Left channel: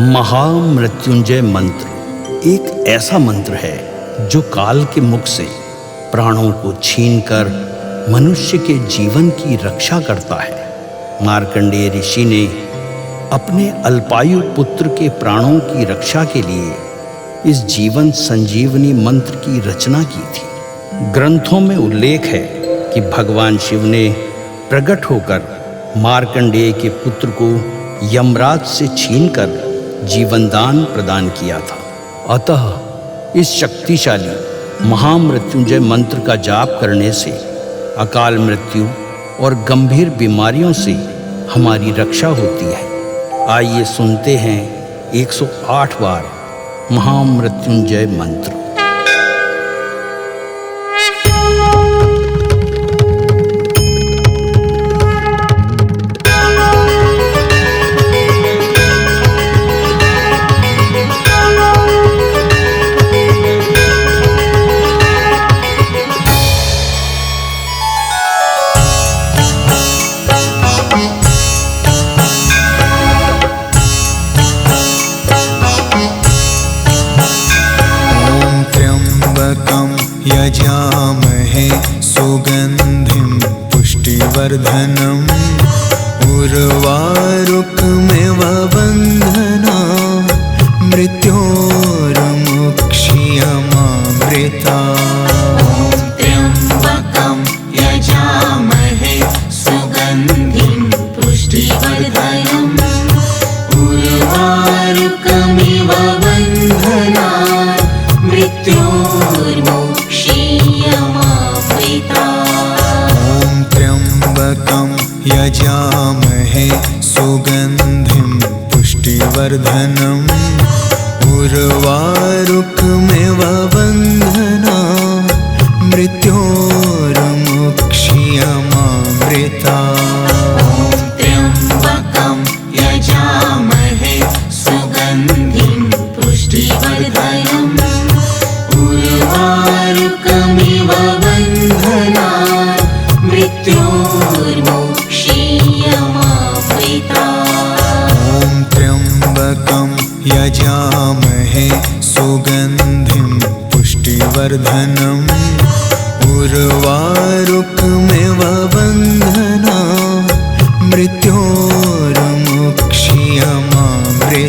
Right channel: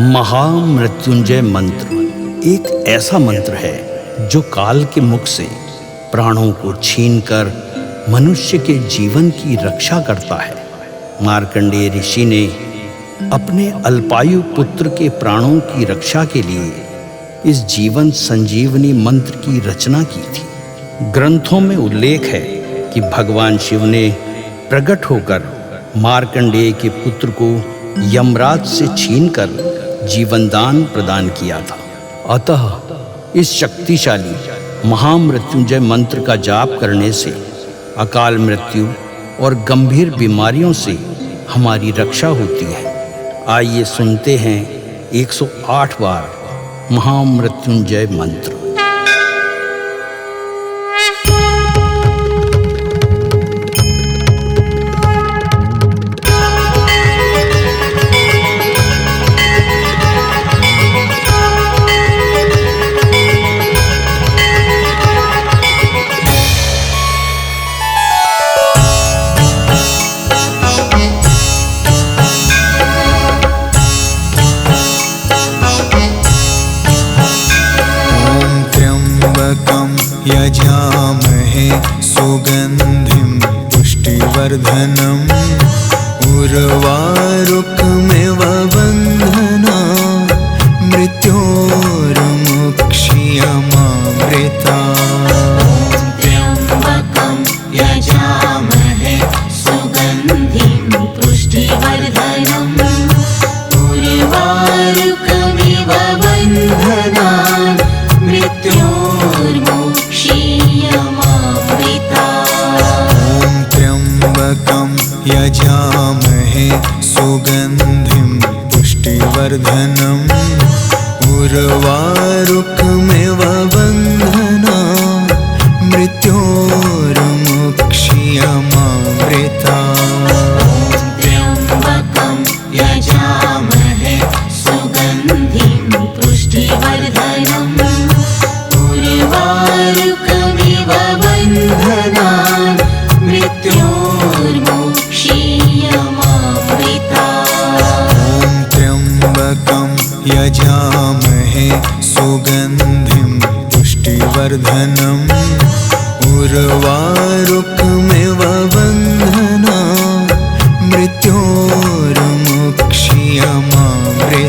महामृत्युंजय मंत्र एक ऐसा मंत्र है जो काल के मुख से प्राणों को छीनकर मनुष्य के जीवन की रक्षा करता है। मार्कंडेय ऋषि ने अपने अल्पायु पुत्र के प्राणों की रक्षा के लिए इस जीवन संजीवनी मंत्र की रचना की थी। ग्रंथों में उल्लेख है कि भगवान शिव ने प्रकट होकर मार्कंडेय के पुत्र को यमराज से छीनकर जीवनदान प्रदान किया था। अतः इस शक्तिशाली महामृत्युंजय मंत्र का जाप करने से अकाल मृत्यु और गंभीर बीमारियों से हमारी रक्षा होती है। आइए सुनते हैं 108 बार महामृत्युंजय मंत्र। यजामहे सुगन्धिं पुष्टिवर्धनम् उर्वारुकमिव बन्धना मृत्योर्मुक्ष्यमामृता। त्र्यम्बकं यजामहे सुगन्धिं पुष्टिवर्धनम् उर्वारुकमिव बन्धना त्र्यम्बकं यजामहे सुगन्धिं पुष्टिवर्धनम् उर्वारुकमिव बन्धना मृत्योर्मुक्ष्यमामृता। त्र्यम्बकं यजामहे सुगन्धिं पुष्टिवर्धनम् उर्वारुकमिव बन्धना मृत्योर्मुक्ष्यमामृता। त्र्यम्बकं यजामहे सुगन्धिं पुष्टिवर्धनम् उर्वारुकमिव बन्धना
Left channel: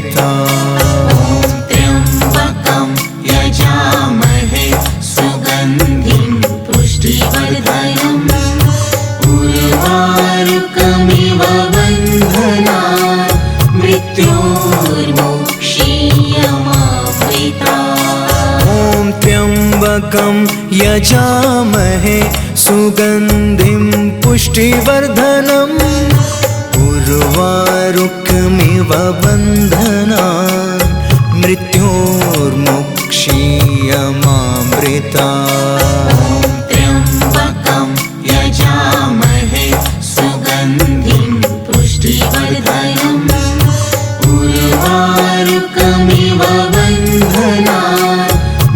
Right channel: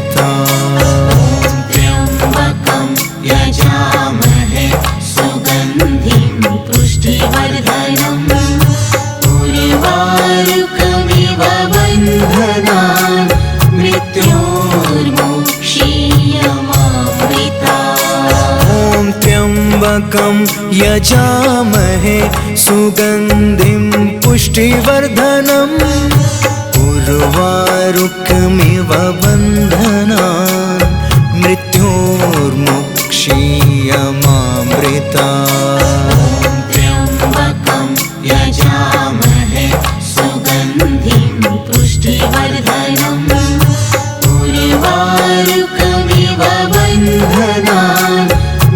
मृत्योर्मुक्ष्यमामृता। त्र्यम्बकं यजामहे सुगन्धिं पुष्टिवर्धनम् उर्वारुकमिव बन्धना मृत्योर्मुक्ष्यमामृता। त्र्यम्बकं यजामहे सुगन्धिं पुष्टिवर्धनम् उर्वारुकमिव बन्धना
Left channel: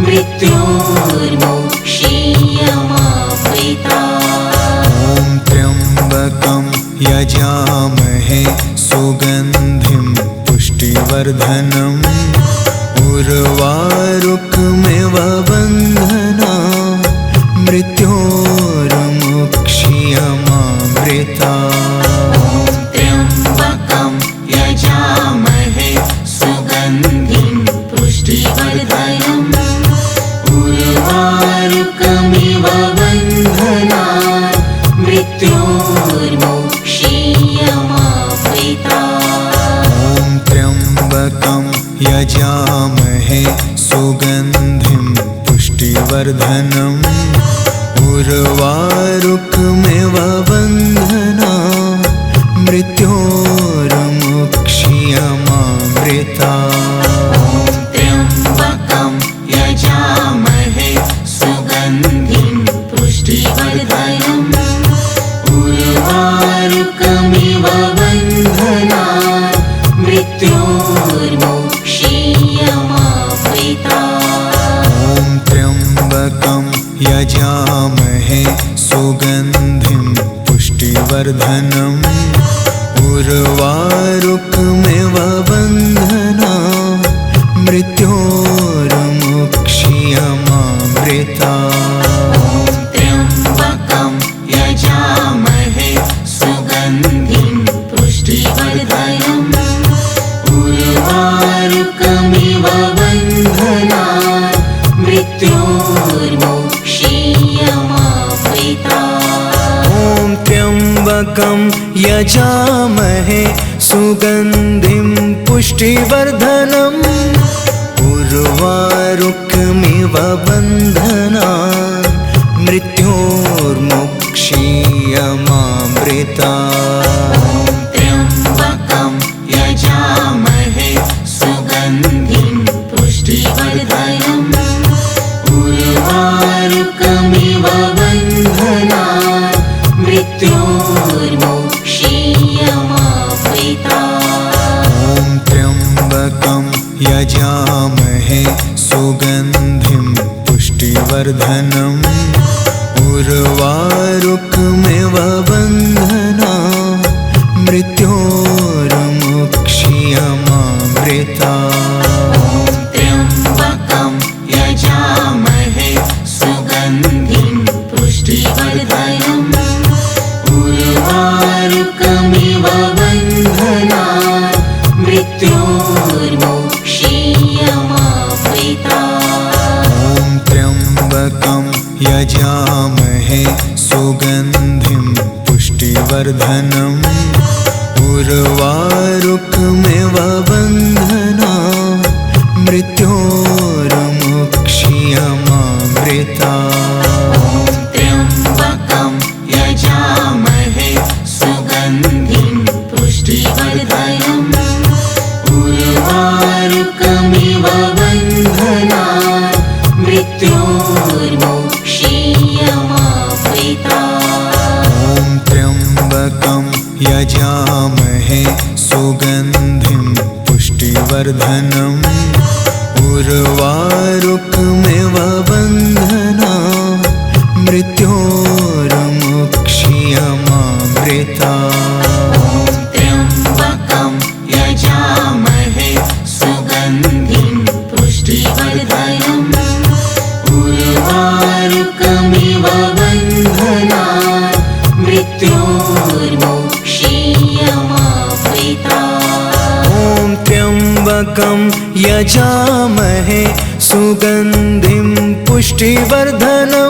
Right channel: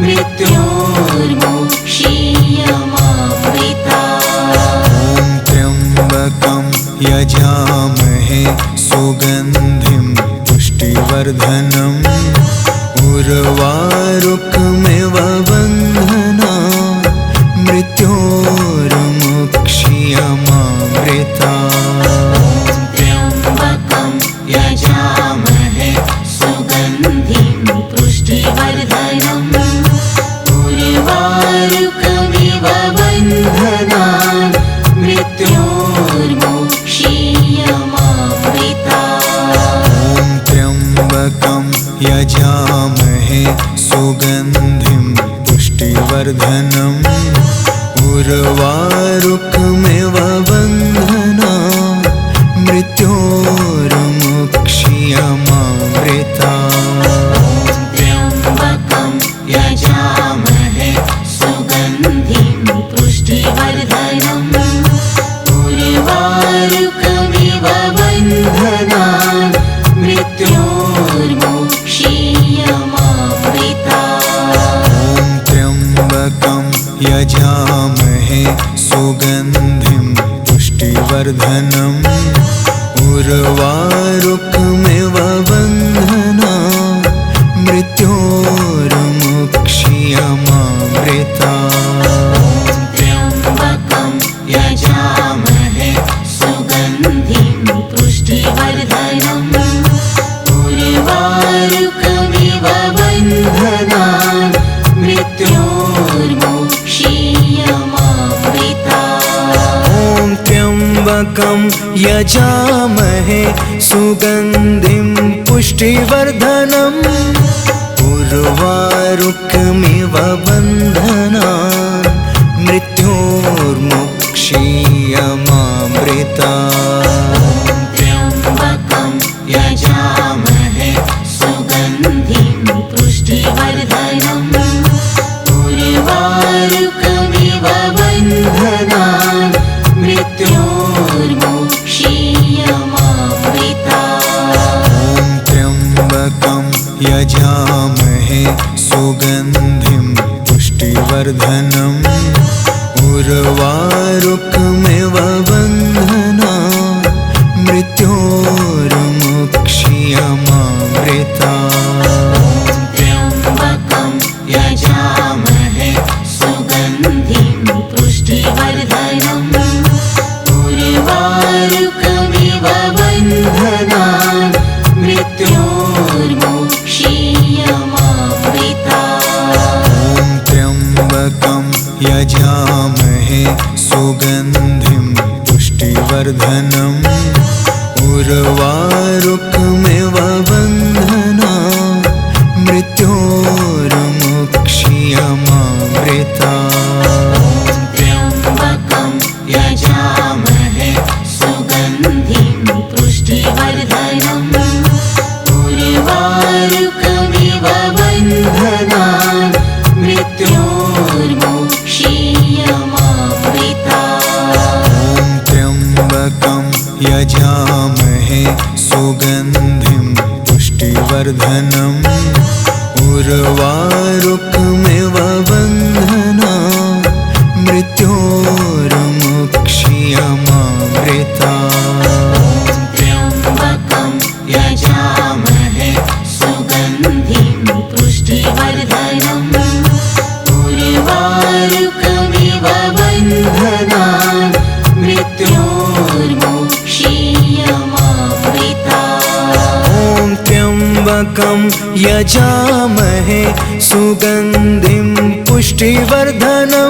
मृत्योर्मुक्ष्यमामृता। त्र्यम्बकं यजामहे सुगन्धिं पुष्टिवर्धनम् उर्वारुकमिव बन्धना मृत्योर्मुक्ष्यमामृता। त्र्यम्बकं यजामहे सुगन्धिं पुष्टिवर्धनम् उर्वारुकमिव बन्धना मृत्योर्मुक्ष्यमामृता। त्र्यम्बकं यजामहे सुगन्धिं पुष्टिवर्धनम् उर्वारुकमिव बन्धना मृत्योर्मुक्ष्यमामृता। त्र्यम्बकं यजामहे सुगन्धिं पुष्टिवर्धनम् उर्वारुकमिव बन्धना मृत्योर्मुक्ष्यमामृता। त्र्यम्बकं यजामहे सुगन्धिं पुष्टिवर्धनम् उर्वारुकमिव बन्धना मृत्योर्मुक्ष्यमामृता। त्र्यम्बकं यजामहे सुगन्धिं पुष्टिवर्धनम् उर्वा उर्वारुकमिव बन्धना मृत्योर्मुक्षीयमामृता त्र्यम्बकं यजामहे सुगन्धिं पुष्टिवर्धनम् उर्वारुकमिव बन्धना मृत्योर्मुक्षीयमामृता ॐ त्र्यम्बकं यजामहे सुगन्धिं पुष्टिवर्धनम् उर्वारुकमिव बन्धनान् मृत्योर्मुक्षीयमामृता त्र्यम्बकं यजामहे सुगन्धिं पुष्टिवर्धनम् उर्वारुकमिव बन्धनान् मृत्योर्मुक्षीयमामृता ॐ त्र्यम्बकं यजामहे सुगन्धिं पुष्टिवर्धनम् उर्वारुकमिव बन्धनान् मृत्योर्मुक्षीयमामृता त्र्यम्बकं यजामहे सुगन्धिं पुष्टिवर्धनम् उर्वारुकमिव बन्धनान् मृत्योर्मुक्षीयमामृता ॐ त्र्यम्बकं यजामहे सुगन्धिं पुष्टिवर्धनम् उर्वारुकमिव बन्धनान् मृत्योर्मुक्षीयमामृता त्र्यम्बकं यजामहे सुगन्धिं पुष्टिवर्धनम् उर्वारुकमिव बन्धनान् मृत्योर्मुक्षीयमामृता ॐ त्र्यम्बकं यजामहे सुगन्धिं पुष्टिवर्धनम् उर्वारुकमिव बन्धनान् मृत्योर्मुक्षीयमामृता त्र्यम्बकं यजामहे सुगन्धिं पुष्टिवर्धनम् उर्वारुकमिव बन्धनान् मृत्योर्मुक्षीयमामृता ॐ त्र्यम्बकं यजामहे सुगन्धिं पुष्टिवर्धनम्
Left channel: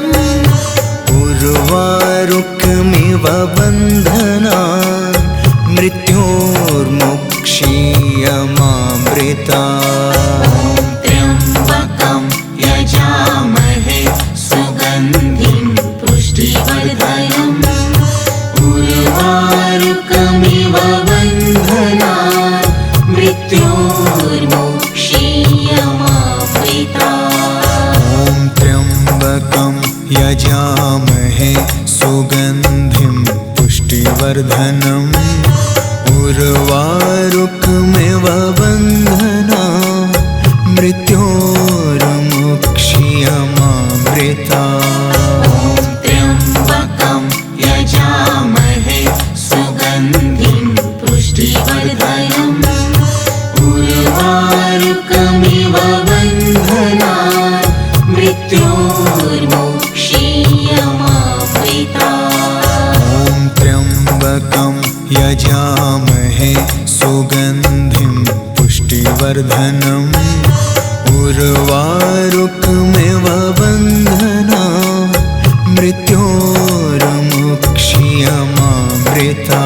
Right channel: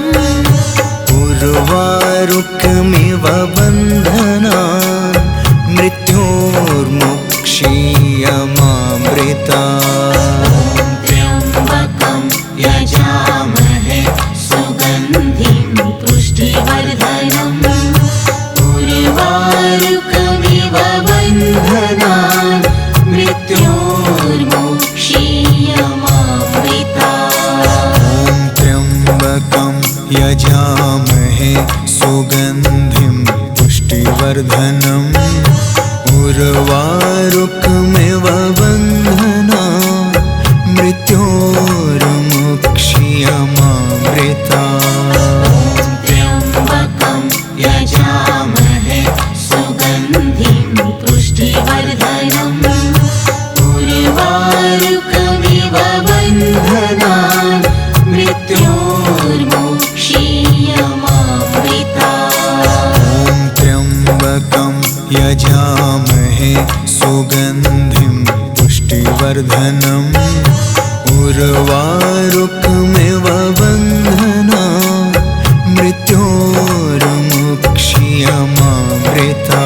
उर्वारुकमिव बन्धनान् मृत्योर्मुक्षीयमामृता त्र्यम्बकं यजामहे सुगन्धिं पुष्टिवर्धनम् उर्वारुकमिव बन्धनान् मृत्योर्मुक्षीयमामृता ॐ त्र्यम्बकं यजामहे सुगन्धिं पुष्टिवर्धनम् उर्वारुकमिव बन्धनान् मृत्योर्मुक्षीयमामृता त्र्यम्बकं यजामहे सुगन्धिं पुष्टिवर्धनम् उर्वारुकमिव बन्धनान् मृत्योर्मुक्षीयमामृता ॐ त्र्यम्बकं यजामहे सुगन्धिं पुष्टिवर्धनम् उर्वारुकमिव बन्धनान् मृत्योर्मुक्षीयमामृता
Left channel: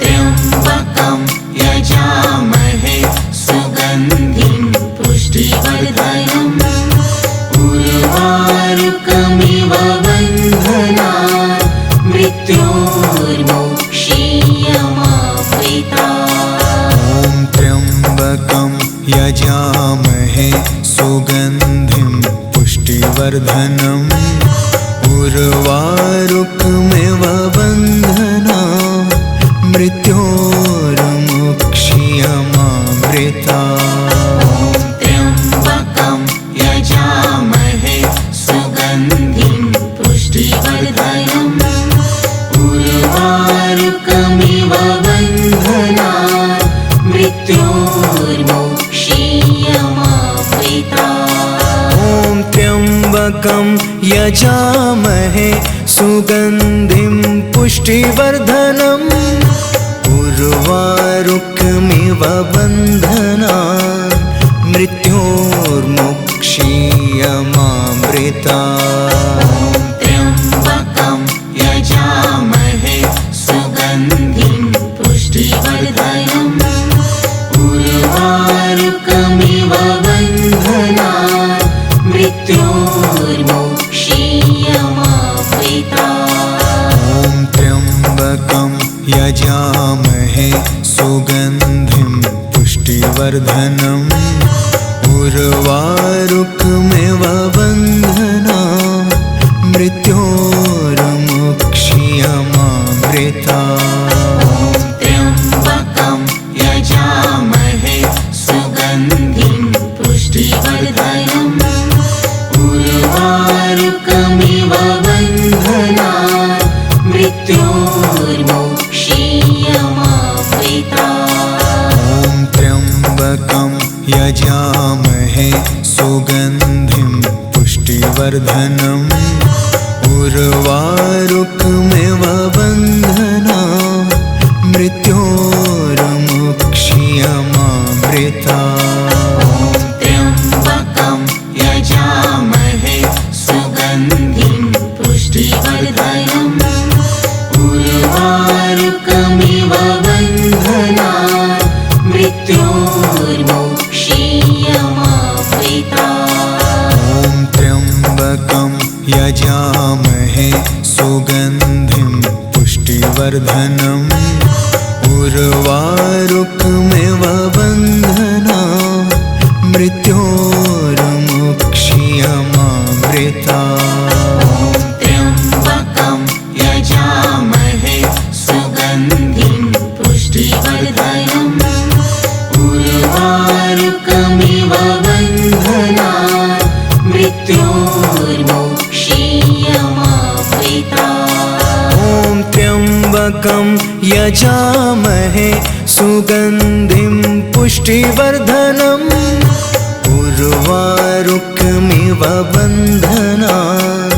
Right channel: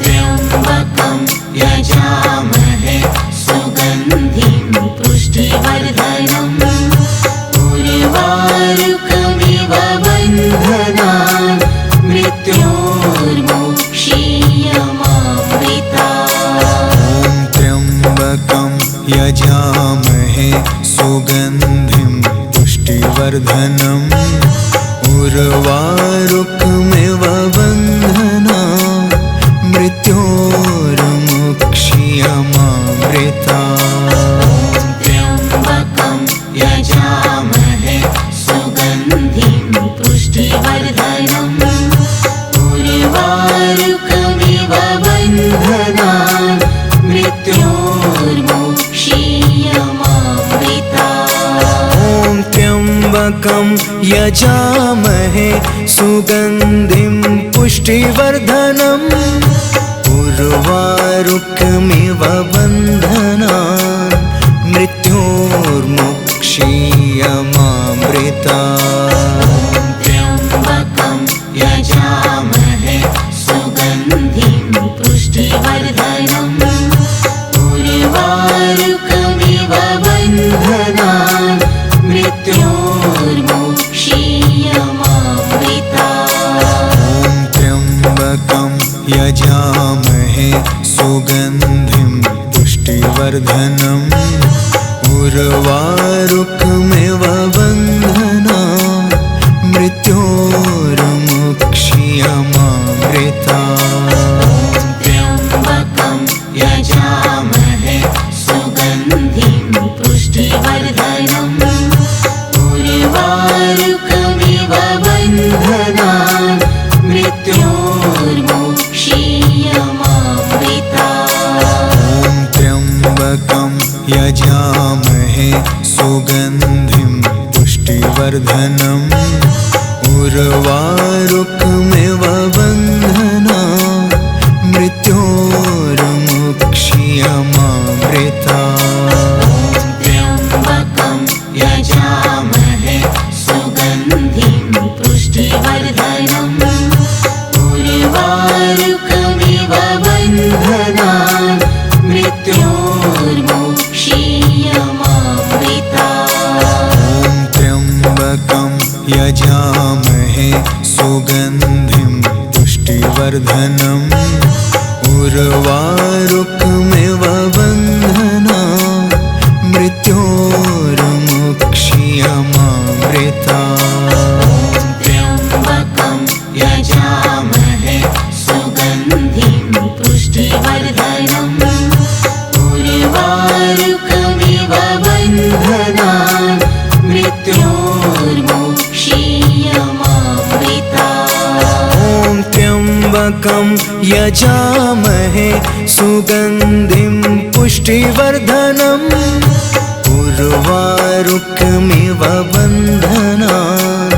त्र्यम्बकं यजामहे सुगन्धिं पुष्टिवर्धनम् उर्वारुकमिव बन्धनान् मृत्योर्मुक्षीयमामृता ॐ त्र्यम्बकं यजामहे सुगन्धिं पुष्टिवर्धनम् उर्वारुकमिव बन्धनान् मृत्योर्मुक्षीयमामृता त्र्यम्बकं यजामहे सुगन्धिं पुष्टिवर्धनम् उर्वारुकमिव बन्धनान् त्र्यम्बकं यजामहे सुगन्धिं पुष्टिवर्धनम् उर्वारुकमिव बन्धनान् मृत्योर्मुक्षीयमामृतात्। त्र्यम्बकं यजामहे सुगन्धिं पुष्टिवर्धनम् उर्वारुकमिव बन्धनान् मृत्योर्मुक्षीयमामृतात्। ॐ त्र्यम्बकं यजामहे सुगन्धिं पुष्टिवर्धनम् उर्वारुकमिव बन्धनान् मृत्योर्मुक्षीयमामृतात्। त्र्यम्बकं यजामहे सुगन्धिं पुष्टिवर्धनम् उर्वारुकमिव बन्धनान् मृत्योर्मुक्षीयमामृतात्। ॐ त्र्यम्बकं यजामहे सुगन्धिं पुष्टिवर्धनम् उर्वारुकमिव बन्धनान् मृत्योर्मुक्षीयमामृतात्। त्र्यम्बकं यजामहे सुगन्धिं पुष्टिवर्धनम् उर्वारुकमिव बन्धनान् मृत्योर्मुक्षीयमामृतात्। ॐ त्र्यम्बकं यजामहे सुगन्धिं पुष्टिवर्धनम् उर्वारुकमिव बन्धनान् मृत्योर्मुक्षीयमामृतात्। त्र्यम्बकं यजामहे सुगन्धिं पुष्टिवर्धनम् उर्वारुकमिव बन्धनान् मृत्योर्मुक्षीयमामृतात्। ॐ त्र्यम्बकं यजामहे सुगन्धिं पुष्टिवर्धनम् उर्वारुकमिव बन्धनान्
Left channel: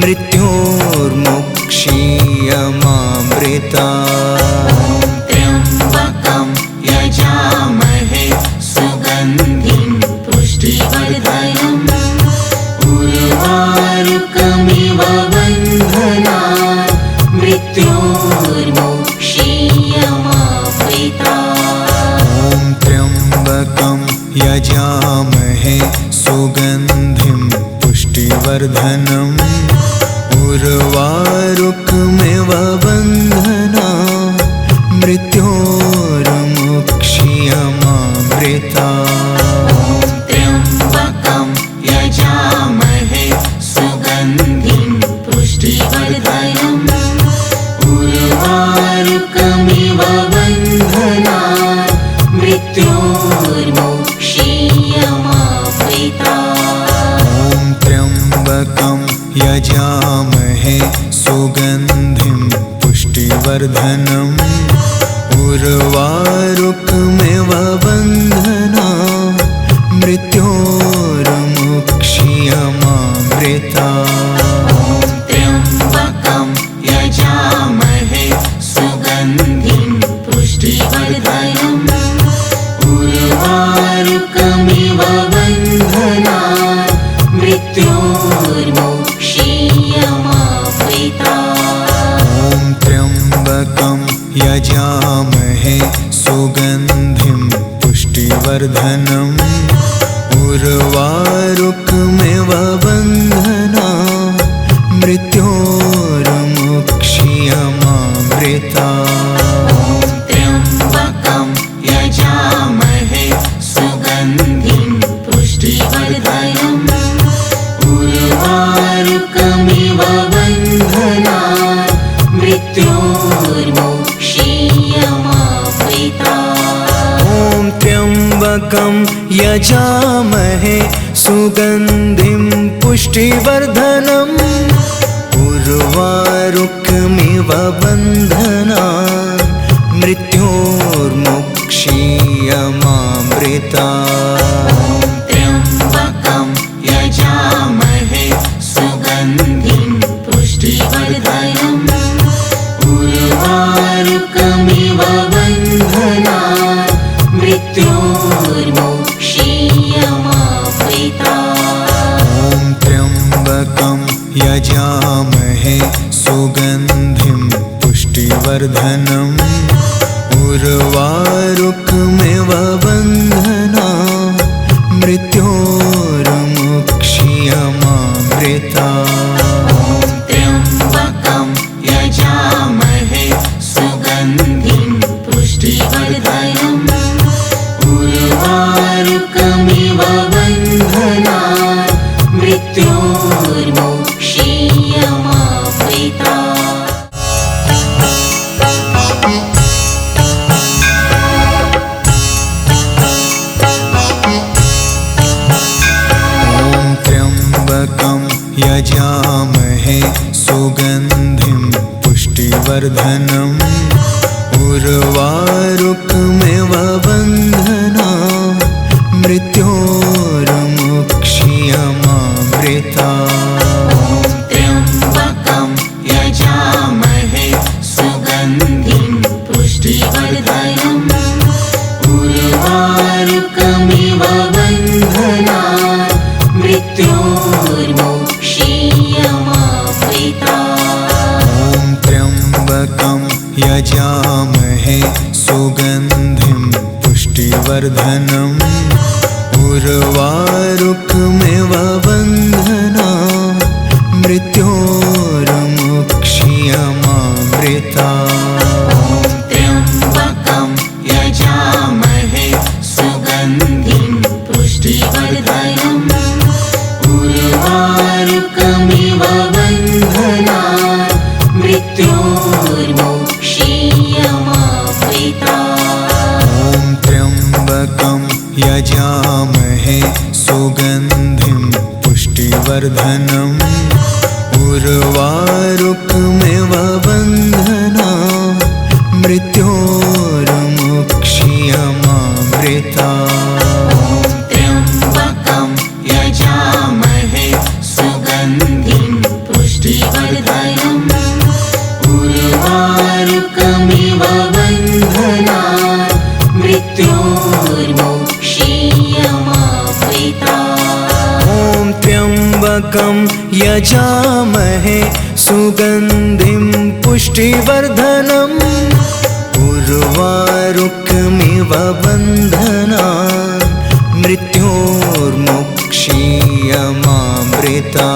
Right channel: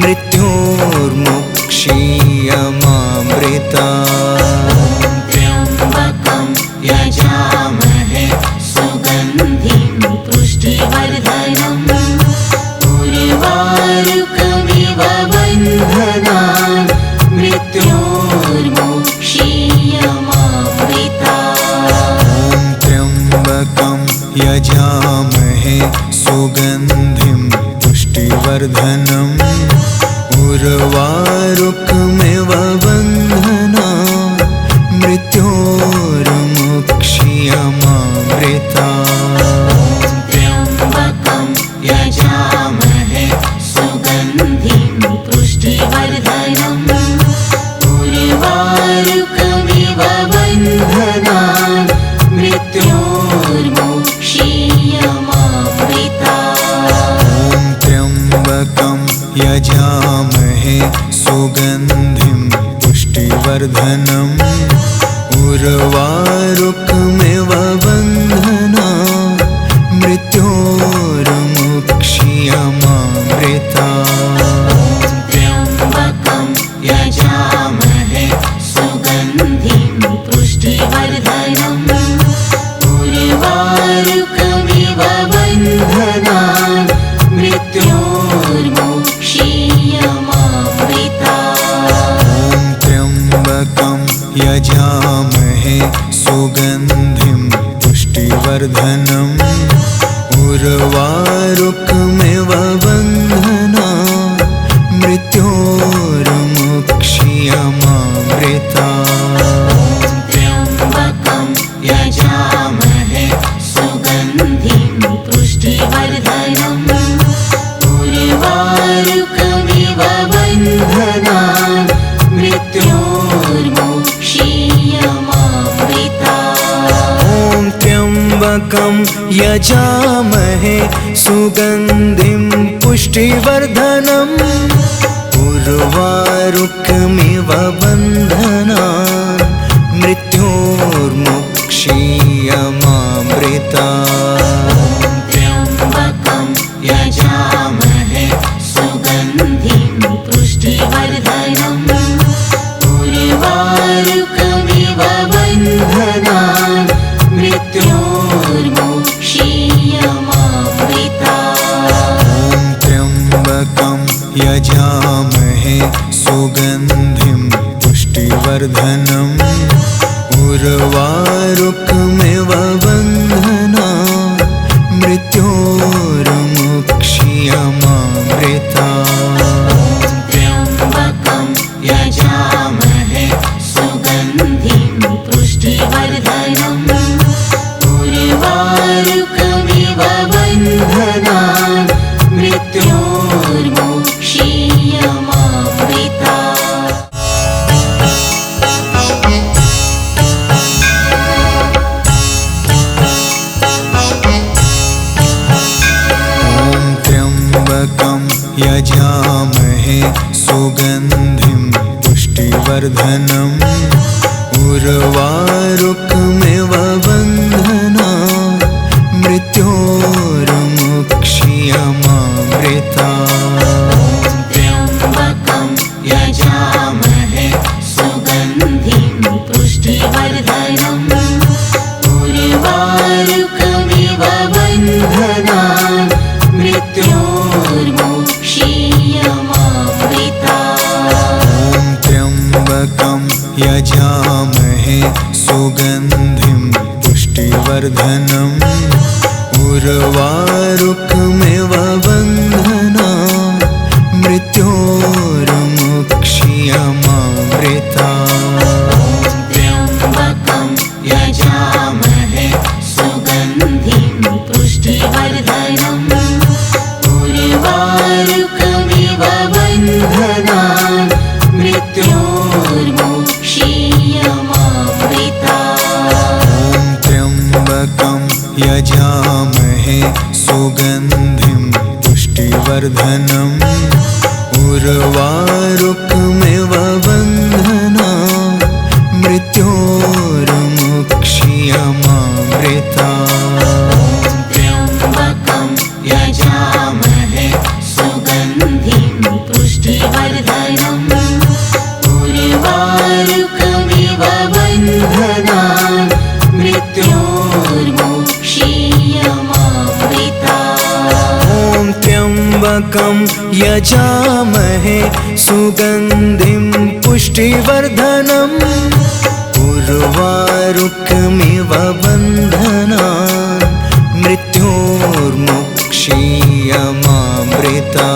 मृत्योर्मुक्षीयमामृतात्। त्र्यम्बकं यजामहे सुगन्धिं पुष्टिवर्धनम् उर्वारुकमिव बन्धनान् मृत्योर्मुक्षीयमामृतात्। ॐ त्र्यम्बकं यजामहे सुगन्धिं पुष्टिवर्धनम् उर्वारुकमिव बन्धनान् मृत्योर्मुक्षीयमामृतात्। त्र्यम्बकं यजामहे सुगन्धिं पुष्टिवर्धनम् उर्वारुकमिव बन्धनान् मृत्योर्मुक्षीयमामृतात्। ॐ त्र्यम्बकं यजामहे सुगन्धिं पुष्टिवर्धनम् उर्वारुकमिव बन्धनान् मृत्योर्मुक्षीयमामृतात्। त्र्यम्बकं यजामहे सुगन्धिं पुष्टिवर्धनम् उर्वारुकमिव बन्धनान् मृत्योर्मुक्षीयमामृतात्। ॐ त्र्यम्बकं यजामहे सुगन्धिं पुष्टिवर्धनम् उर्वारुकमिव बन्धनान् मृत्योर्मुक्षीयमामृतात्। त्र्यम्बकं यजामहे सुगन्धिं पुष्टिवर्धनम् उर्वारुकमिव बन्धनान् मृत्योर्मुक्षीयमामृतात्। ॐ त्र्यम्बकं यजामहे सुगन्धिं पुष्टिवर्धनम् उर्वारुकमिव बन्धनान् मृत्योर्मुक्षीयमामृतात्। त्र्यम्बकं यजामहे यजामहे सुगन्धिं पुष्टिवर्धनम् उर्वारुकमिव बन्धनान् मृत्योर्मुक्ष्यमामृता त्र्यम्बकं यजामहे सुगन्धिं पुष्टिवर्धनम् उर्वारुकमिव बन्धनान् मृत्योर्मुक्ष्यमामृता। त्र्यम्बकं यजामहे सुगन्धिं पुष्टिवर्धनम् उर्वारुकमिव बन्धनान् मृत्योर्मुक्ष्यमामृता त्र्यम्बकं यजामहे सुगन्धिं पुष्टिवर्धनम् उर्वारुकमिव बन्धनान् मृत्योर्मुक्ष्यमामृता। त्र्यम्बकं यजामहे सुगन्धिं पुष्टिवर्धनम् उर्वारुकमिव बन्धनान् मृत्योर्मुक्ष्यमामृता। त्र्यम्बकं यजामहे सुगन्धिं पुष्टिवर्धनम् उर्वारुकमिव बन्धनान् मृत्योर्मुक्ष्यमामृता। त्र्यम्बकं यजामहे सुगन्धिं पुष्टिवर्धनम् उर्वारुकमिव बन्धनान् मृत्योर्मुक्ष्यमामृता। त्र्यम्बकं यजामहे सुगन्धिं पुष्टिवर्धनम् उर्वारुकमिव बन्धनान् मृत्योर्मुक्ष्यमामृता।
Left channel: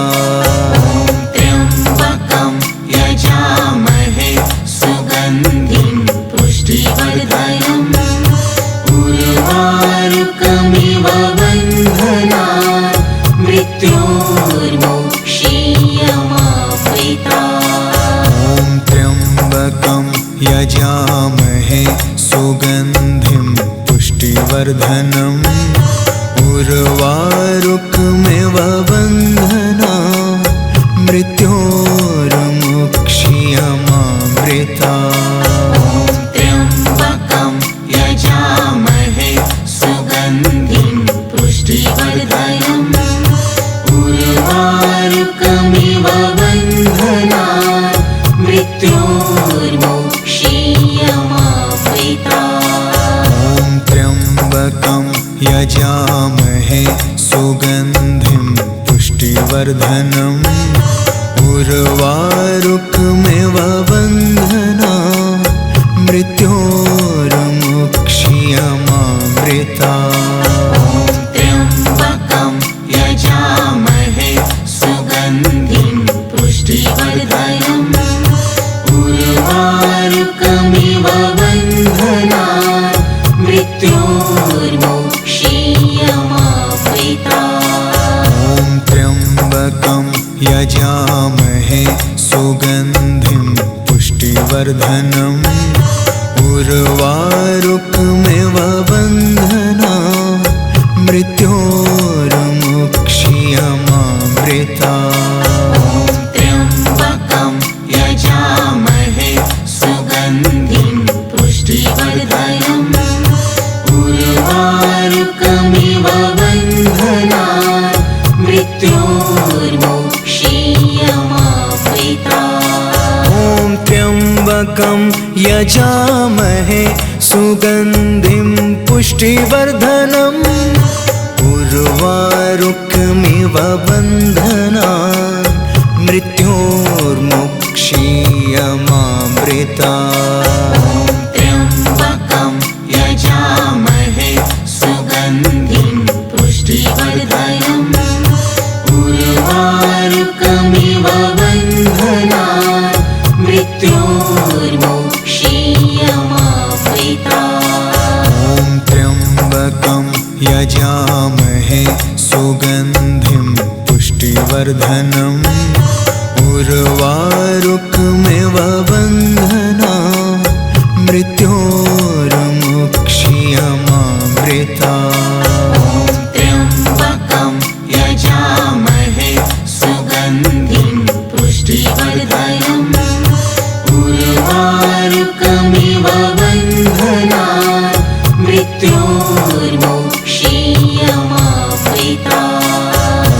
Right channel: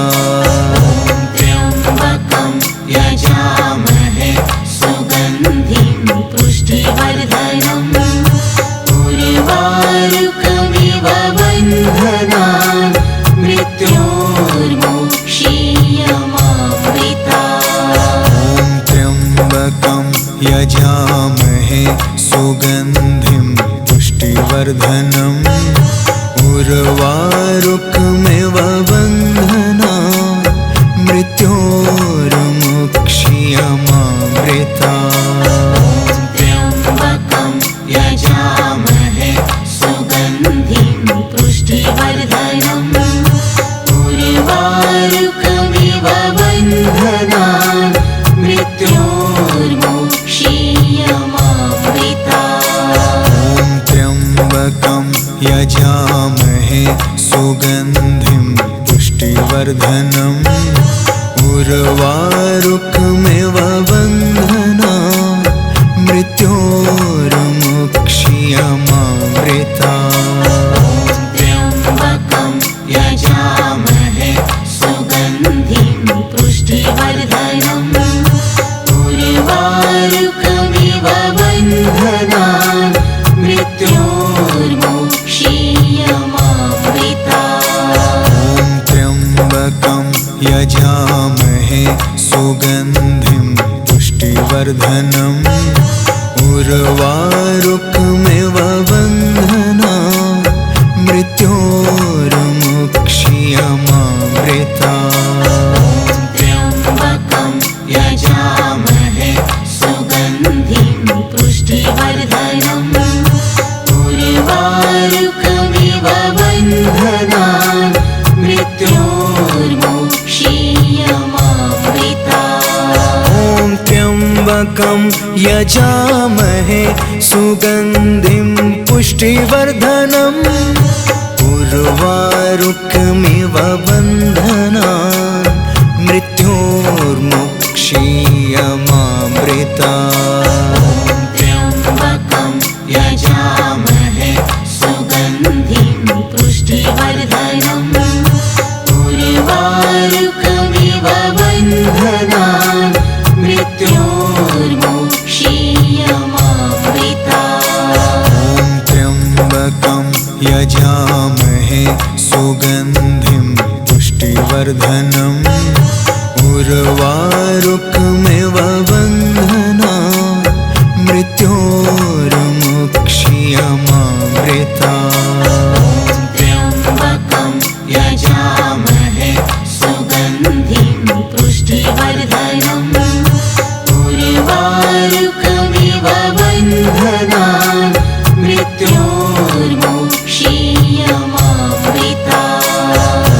त्र्यम्बकं यजामहे सुगन्धिं पुष्टिवर्धनम् उर्वारुकमिव बन्धनान् मृत्योर्मुक्ष्यमामृता। त्र्यम्बकं यजामहे सुगन्धिं पुष्टिवर्धनम् उर्वारुकमिव बन्धनान् मृत्योर्मुक्ष्यमामृता। त्र्यम्बकं यजामहे सुगन्धिं पुष्टिवर्धनम् उर्वारुकमिव बन्धनान् मृत्योर्मुक्ष्यमामृता। त्र्यम्बकं यजामहे सुगन्धिं पुष्टिवर्धनम् उर्वारुकमिव बन्धनान् मृत्योर्मुक्ष्यमामृता। त्र्यम्बकं यजामहे सुगन्धिं पुष्टिवर्धनम् उर्वारुकमिव बन्धनान् मृत्योर्मुक्ष्यमामृता। त्र्यम्बकं यजामहे सुगन्धिं पुष्टिवर्धनम् उर्वारुकमिव बन्धनान् मृत्योर्मुक्ष्यमामृता। त्र्यम्बकं यजामहे सुगन्धिं पुष्टिवर्धनम् उर्वारुकमिव बन्धनान् मृत्योर्मुक्ष्यमामृता। त्र्यम्बकं यजामहे सुगन्धिं पुष्टिवर्धनम् उर्वारुकमिव बन्धनान् मृत्योर्मुक्ष्यमामृता। त्र्यम्बकं यजामहे सुगन्धिं पुष्टिवर्धनम् उर्वारुकमिव बन्धनान् मृत्योर्मुक्षीयमामृता त्र्यम्बकं यजामहे सुगन्धिं पुष्टिवर्धनम् उर्वारुकमिव बन्धनान् मृत्योर्मुक्षीयमामृता ॐ त्र्यम्बकं यजामहे सुगन्धिं पुष्टिवर्धनम् उर्वारुकमिव बन्धनान् मृत्योर्मुक्षीयमामृता त्र्यम्बकं यजामहे सुगन्धिं पुष्टिवर्धनम् उर्वारुकमिव बन्धनान् मृत्योर्मुक्षीयमामृता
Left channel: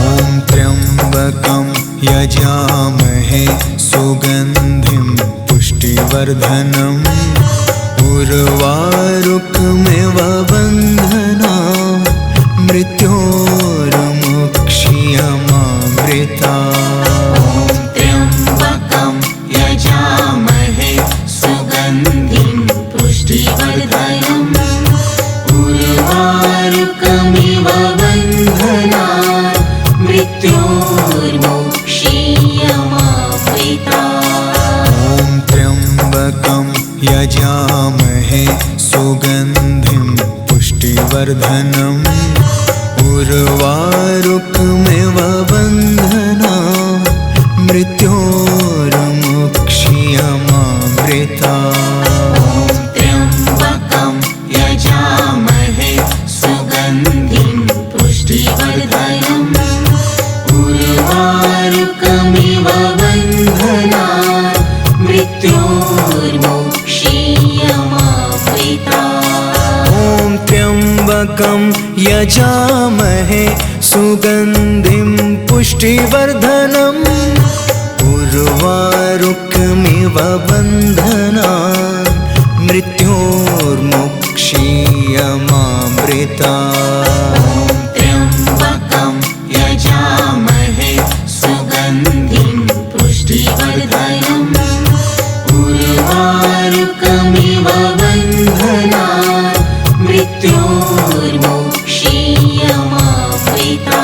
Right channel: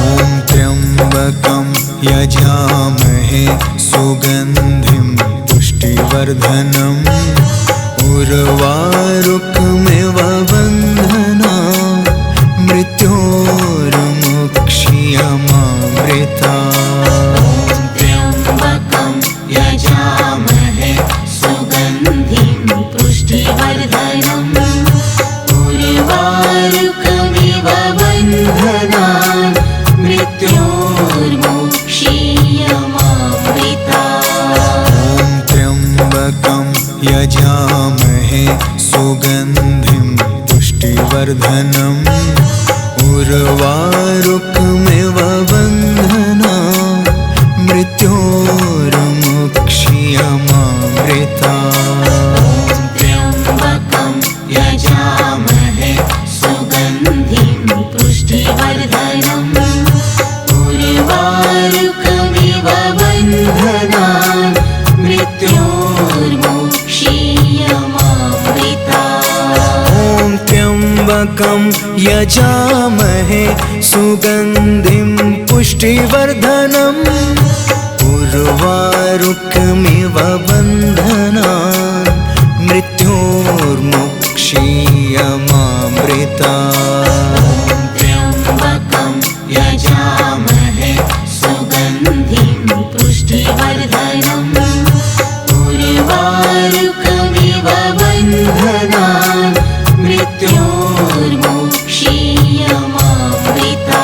ॐ त्र्यम्बकं यजामहे सुगन्धिं पुष्टिवर्धनम् उर्वारुकमिव बन्धनान् मृत्योर्मुक्षीयमामृता त्र्यम्बकं यजामहे सुगन्धिं पुष्टिवर्धनम् उर्वारुकमिव बन्धनान् मृत्योर्मुक्षीयमामृता ॐ त्र्यम्बकं यजामहे सुगन्धिं पुष्टिवर्धनम् उर्वारुकमिव बन्धनान् मृत्योर्मुक्षीयमामृता त्र्यम्बकं यजामहे सुगन्धिं पुष्टिवर्धनम् उर्वारुकमिव बन्धनान् मृत्योर्मुक्षीयमामृता ॐ त्र्यम्बकं यजामहे सुगन्धिं पुष्टिवर्धनम् उर्वारुकमिव बन्धनान् मृत्योर्मुक्षीयमामृता त्र्यम्बकं यजामहे सुगन्धिं पुष्टिवर्धनम् उर्वारुकमिव बन्धनान् मृत्योर्मुक्षीयमामृता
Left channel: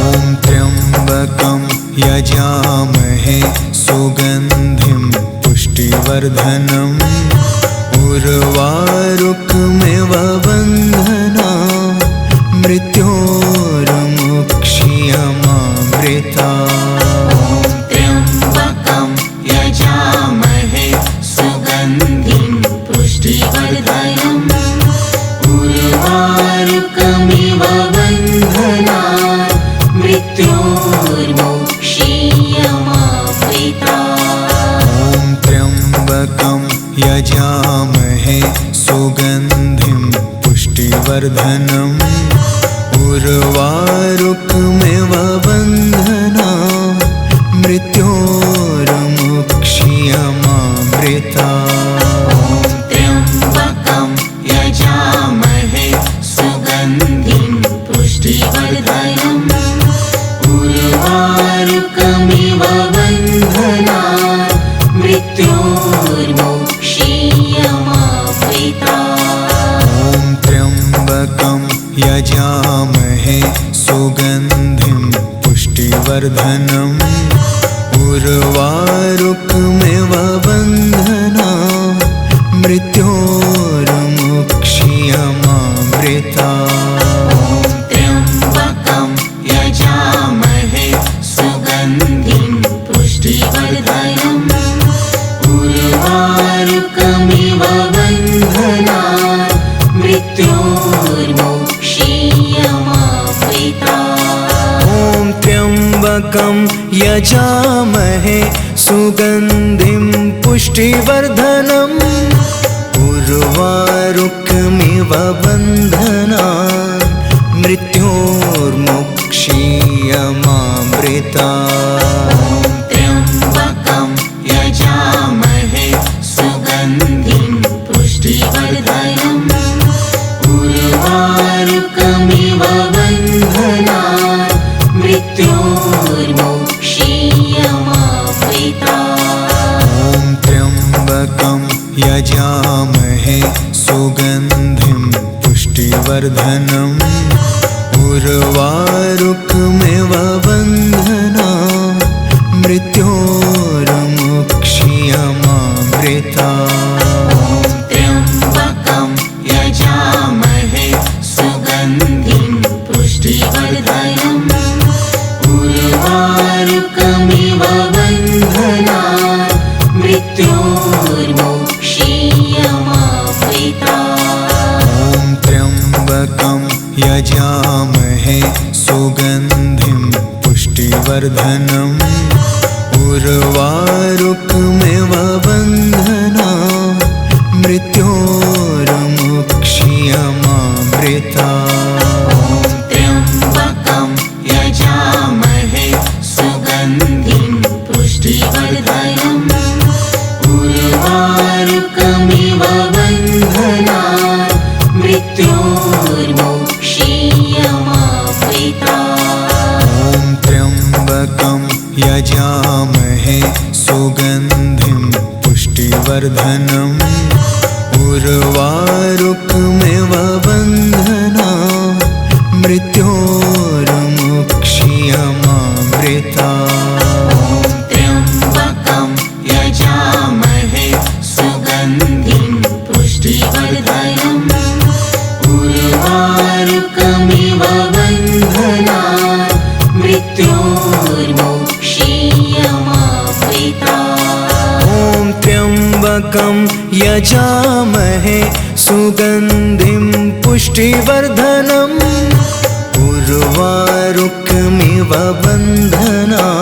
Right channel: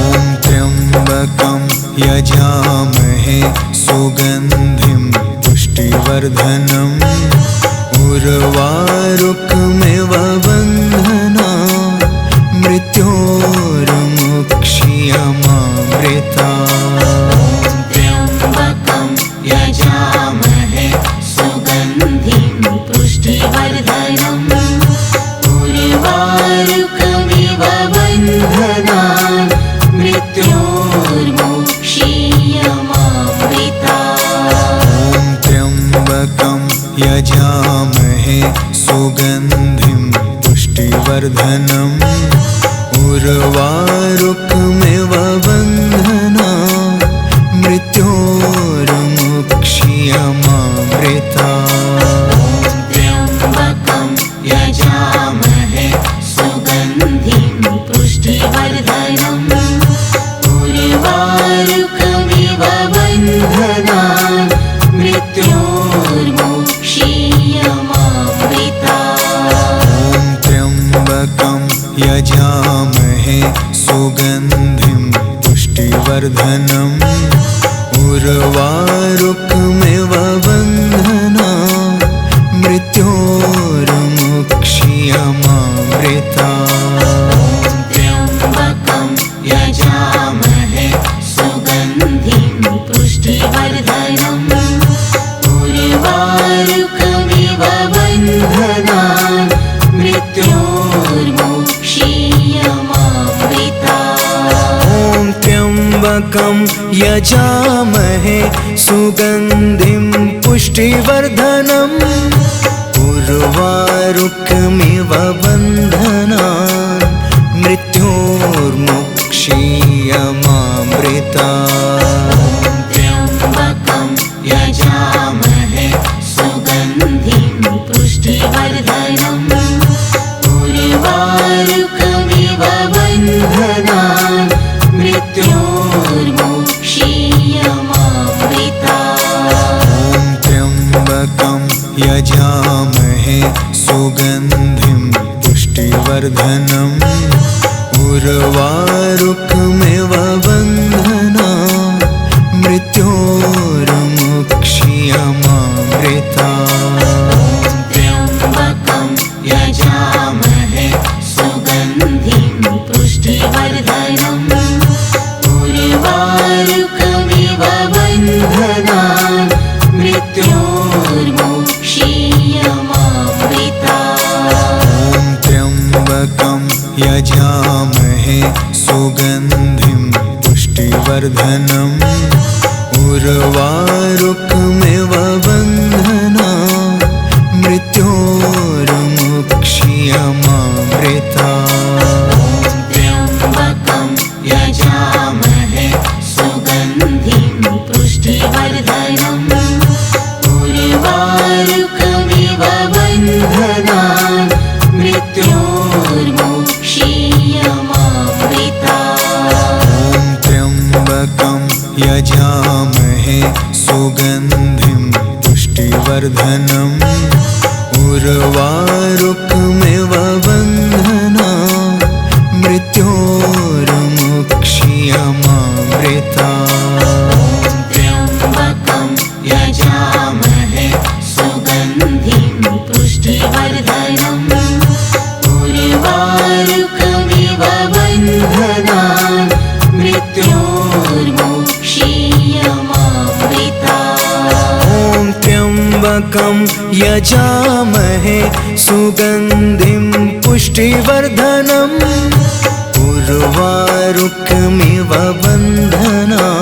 ॐ त्र्यम्बकं यजामहे सुगन्धिं पुष्टिवर्धनम् उर्वारुकमिव बन्धनान् मृत्योर्मुक्षीयमामृता त्र्यम्बकं यजामहे सुगन्धिं पुष्टिवर्धनम् उर्वारुकमिव बन्धनान् मृत्योर्मुक्षीयमामृता ॐ त्र्यम्बकं यजामहे सुगन्धिं पुष्टिवर्धनम् उर्वारुकमिव बन्धनान् मृत्योर्मुक्षीयमामृता त्र्यम्बकं यजामहे सुगन्धिं पुष्टिवर्धनम् उर्वारुकमिव बन्धनान् मृत्योर्मुक्षीयमामृता ॐ त्र्यम्बकं यजामहे सुगन्धिं पुष्टिवर्धनम् उर्वारुकमिव बन्धनान् मृत्योर्मुक्षीयमामृता त्र्यम्बकं यजामहे सुगन्धिं पुष्टिवर्धनम् उर्वारुकमिव बन्धनान् मृत्योर्मुक्षीयमामृता ॐ त्र्यम्बकं यजामहे सुगन्धिं पुष्टिवर्धनम् उर्वारुकमिव बन्धनान् मृत्योर्मुक्षीयमामृता त्र्यम्बकं यजामहे सुगन्धिं पुष्टिवर्धनम् उर्वारुकमिव बन्धनान् मृत्योर्मुक्षीयमामृता यजामहे सुगन्धिं पुष्टिवर्धनम् उर्वारुकमिव बन्धनान् मृत्योर्मुक्षीयमामृता त्र्यम्बकं यजामहे सुगन्धिं पुष्टिवर्धनम् उर्वारुकमिव बन्धनान् मृत्योर्मुक्षीयमामृता त्र्यम्बकं यजामहे सुगन्धिं पुष्टिवर्धनम् उर्वारुकमिव बन्धनान् मृत्योर्मुक्षीयमामृता त्र्यम्बकं यजामहे सुगन्धिं पुष्टिवर्धनम् उर्वारुकमिव बन्धनान् मृत्योर्मुक्षीयमामृता त्र्यम्बकं यजामहे सुगन्धिं पुष्टिवर्धनम् उर्वारुकमिव बन्धनान् मृत्योर्मुक्षीयमामृता त्र्यम्बकं यजामहे सुगन्धिं पुष्टिवर्धनम् उर्वारुकमिव बन्धनान् मृत्योर्मुक्षीयमामृता त्र्यम्बकं यजामहे सुगन्धिं पुष्टिवर्धनम् उर्वारुकमिव बन्धनान्